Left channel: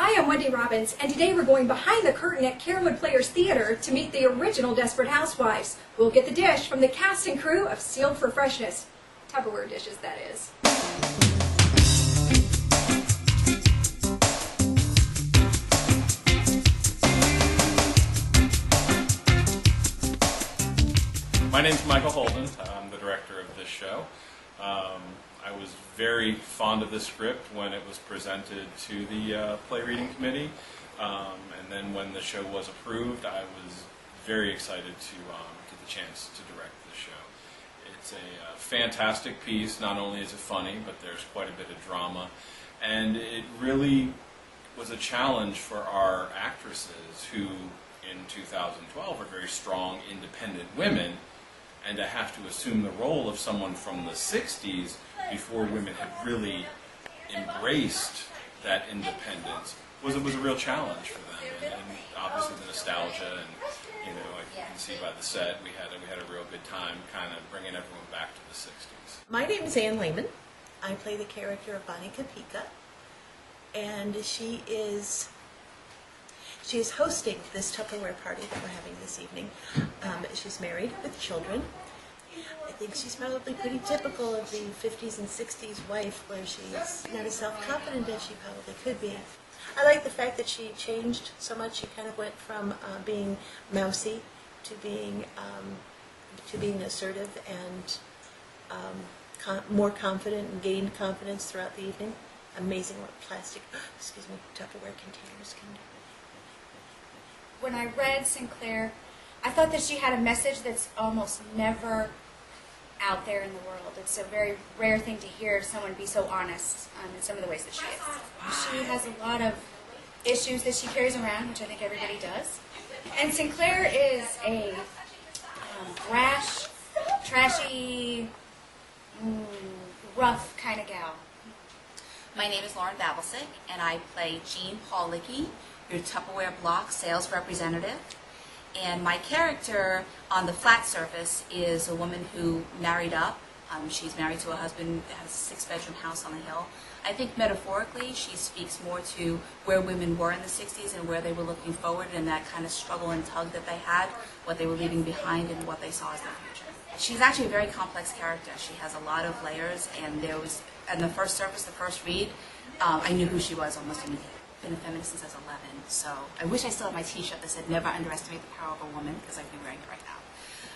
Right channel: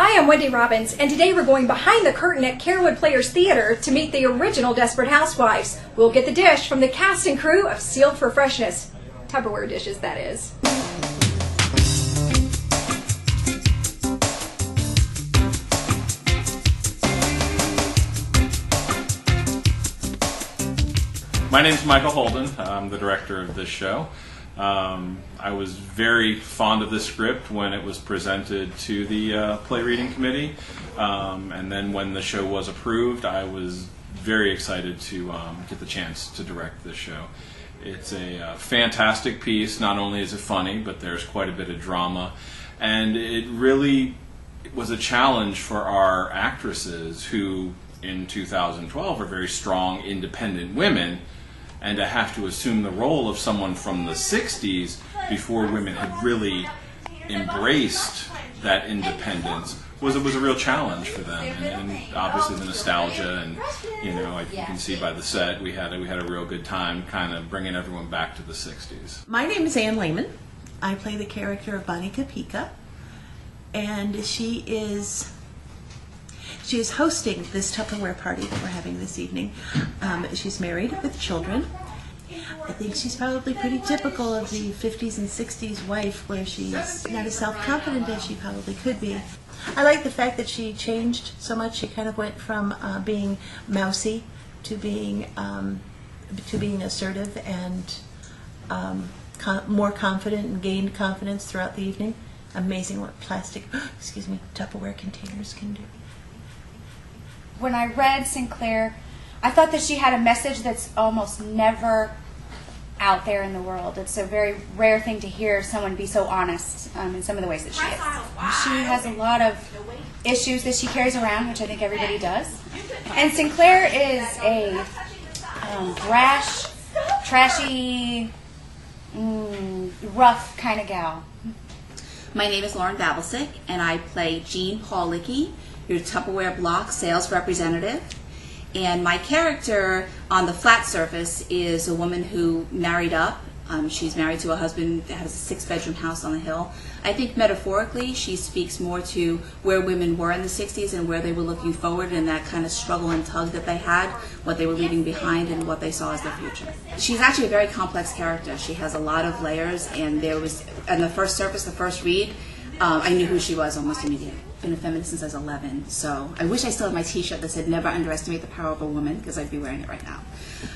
Hi, I'm Wendy Robbins, and today we're going behind the curtain at Carrollwood Players Theater to meet the original Desperate Housewives. We'll get the dish from the cast and crew of Sealed for Freshness. Tupperware dishes, that is. My name's Michael Holden. I'm the director of this show. I was very fond of this script when it was presented to the play reading committee, and then when the show was approved, I was very excited to get the chance to direct this show. It's a fantastic piece. Not only is it funny, but there's quite a bit of drama, and it really was a challenge for our actresses who, in 2012, are very strong, independent women, and to have to assume the role of someone from the 60s before women had really embraced that independence was a real challenge for them, and obviously the nostalgia, and you can see by the set we had a real good time kind of bringing everyone back to the 60s. My name is Ann Lehman. I play the character of Bonnie Kapika, and she is hosting this Tupperware party that we're having this evening. She's married with children. I think she's probably pretty typical of the 50s and 60s wife, where she's not as self-confident as she probably could be. I like the fact that she changed so much. She kind of went from being mousy to being assertive and more confident, and gained confidence throughout the evening. Amazing what Tupperware containers can do. When I read Sinclair, I thought that she had a message that's almost never out there in the world. It's a very rare thing to hear someone be so honest in some of the ways that she is. She has a lot of issues that she carries around, which I think everybody does. And Sinclair is a brash, trashy, rough kind of gal. My name is Lauren Babelsick, and I play Jean Paulicki, your Tupperware block sales representative. And my character on the flat surface is a woman who married up. She's married to a husband that has a 6-bedroom house on the hill. I think metaphorically she speaks more to where women were in the 60s and where they were looking forward, and that kind of struggle and tug that they had, what they were leaving behind and what they saw as their future. She's actually a very complex character. She has a lot of layers, and there was, on the first surface, the first read, I knew who she was almost immediately. Been a feminist since I was 11, so I wish I still had my t-shirt that said never underestimate the power of a woman, because I'd be wearing it right now.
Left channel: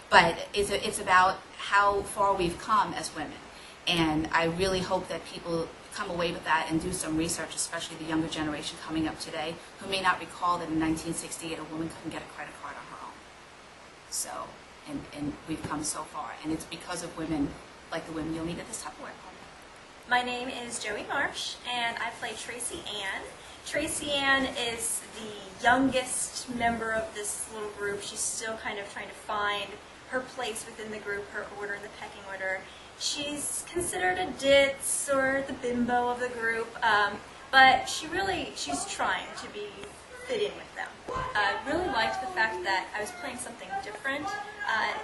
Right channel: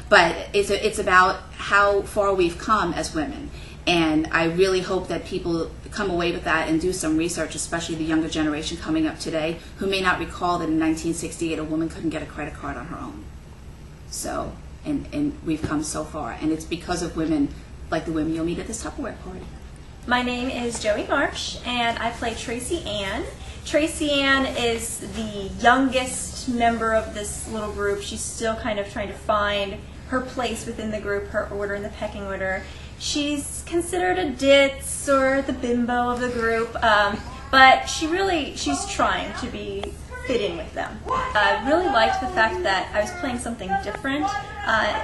But it's about how far we've come as women, and I really hope that people come away with that and do some research, especially the younger generation coming up today who may not recall that in 1968 a woman couldn't get a credit card on her own. So, and we've come so far, and it's because of women like the women you'll meet at this Tupperware party. My name is Joey Marsh, and I play Tracy Ann. Tracy Ann is the youngest member of this little group. She's still kind of trying to find her place within the group, her order in the pecking order. She's considered a ditz or the bimbo of the group, but she's trying to fit in with them. I really liked the fact that I was playing something different.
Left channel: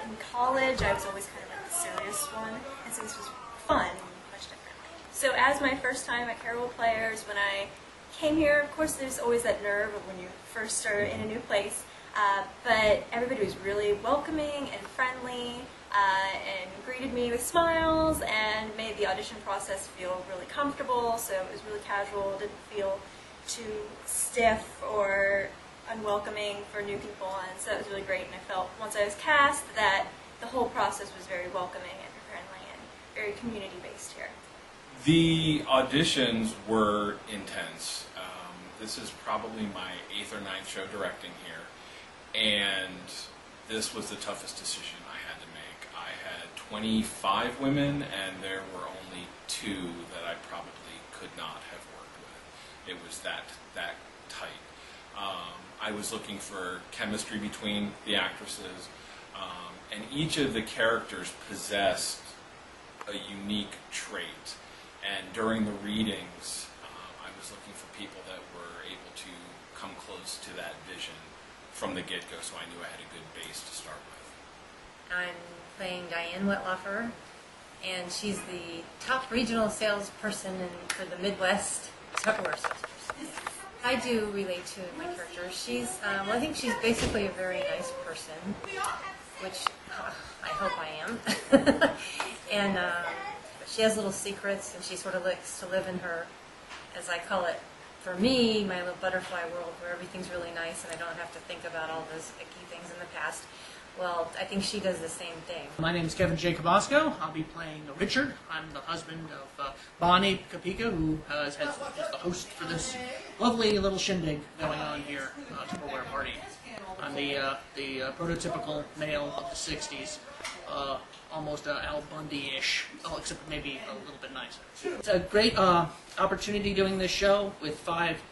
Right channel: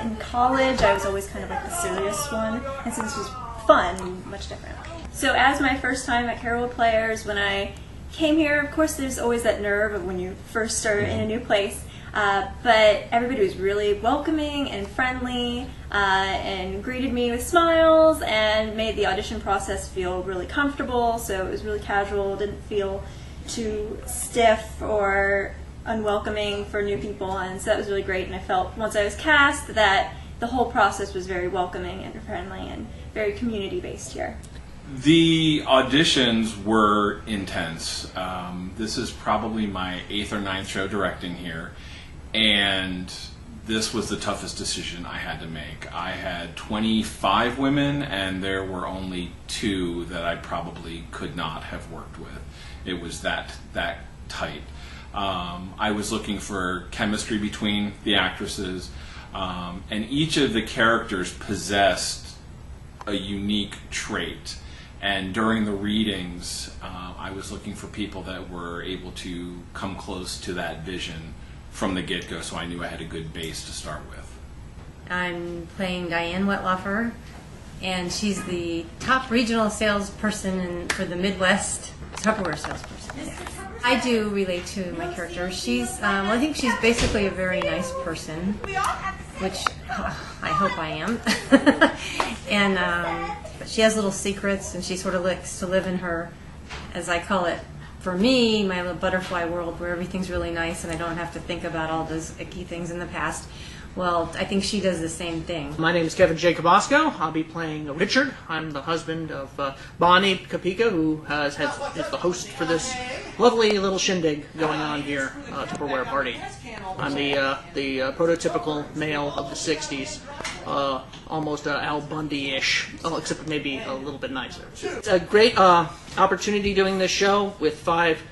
In college, I was always kind of like the serious one, and so this was fun and much different. So as my first time at Carrollwood Players, when I came here, of course there's always that nerve of when you first start in a new place, but everybody was really welcoming and friendly and greeted me with smiles and made the audition process feel really comfortable, so it was really casual, didn't feel too stiff or unwelcoming for new people, and so that was really great. And I felt once I was cast that the whole process was very welcoming and friendly and very community based here. The auditions were intense. This is probably my 8th or 9th show directing here, and this was the toughest decision I had to make. I had 25 women, and there were only 2 that I probably could not have worked with. It was that tight. I was looking for chemistry between the actresses, and each of the characters possessed a unique trait. And during the readings, I was looking for people that were able to come close to that vision from the get-go, so I knew I had a good base to start with. I'm playing Diane Wetloffer, and she's the top regional salesperson for the Midwest Tupperware salesperson. Yeah. I do relate to my character. She's, well, I think she's basically a very nice person, which I hope I am. And she has little secrets, and she sort of likes to live in her, as I call it, for me, my little butterfly world where everything's really nice and I don't have to think about all those icky things in the past. Well, I think she does the same thing. My name is Kevin J. Kobasko. I'll be playing Richard. I'm the husband of Bonnie Kapika, who is the host for this lovely little shindig going on here, Tupperware party. I'm the prototypical male of the 60s, almost Al Bundy-ish, except maybe a little bit nicer. It's a great opportunity doing this show with 5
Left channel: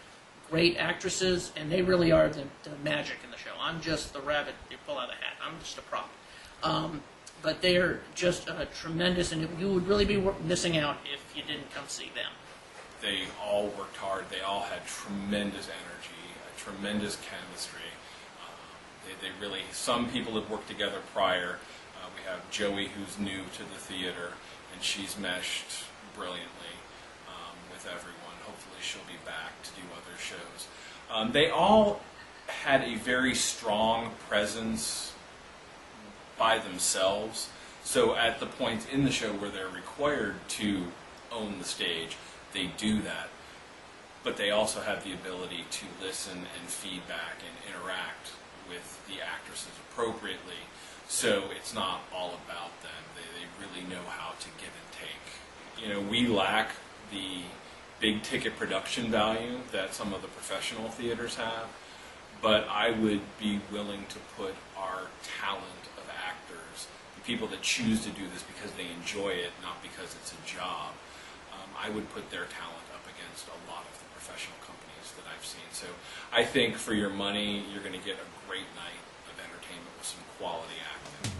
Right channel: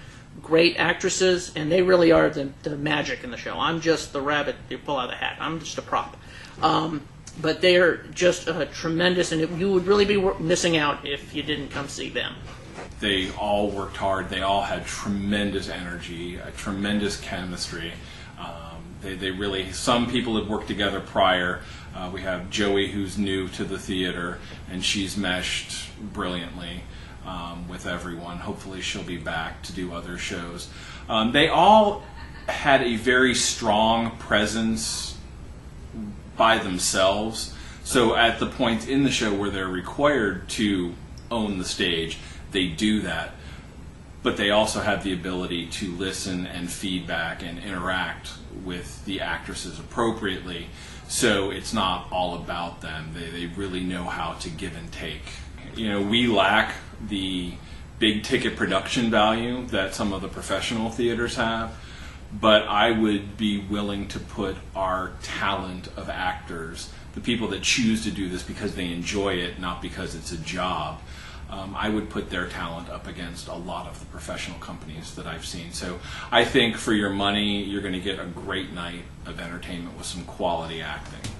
great actresses, and they really are the magic in the show. I'm just the rabbit you pull out of the hat. I'm just a prop. But they are just tremendous, and you would really be missing out if you didn't come see them. They all worked hard. They all had tremendous energy, a tremendous chemistry. They really, some people had worked together prior. We have Joey, who's new to the theater, and she's meshed brilliantly with everyone. Hopefully she'll be back to do other shows. They all had a very strong presence by themselves. So at the point in the show where they're required to own the stage, they do that. But they also have the ability to listen and feedback and interact with the actresses appropriately. So it's not all about them. They really know how to give and take. You know, we lack the big ticket production value that some of the professional theaters have, but I would be willing to put our talent of actors, the people that choose to do this because they enjoy it, not because it's a job, I would put their talent up against a lot of the professional companies that I've seen. So I think for your money, you're going to get a great night of entertainment with some quality acting.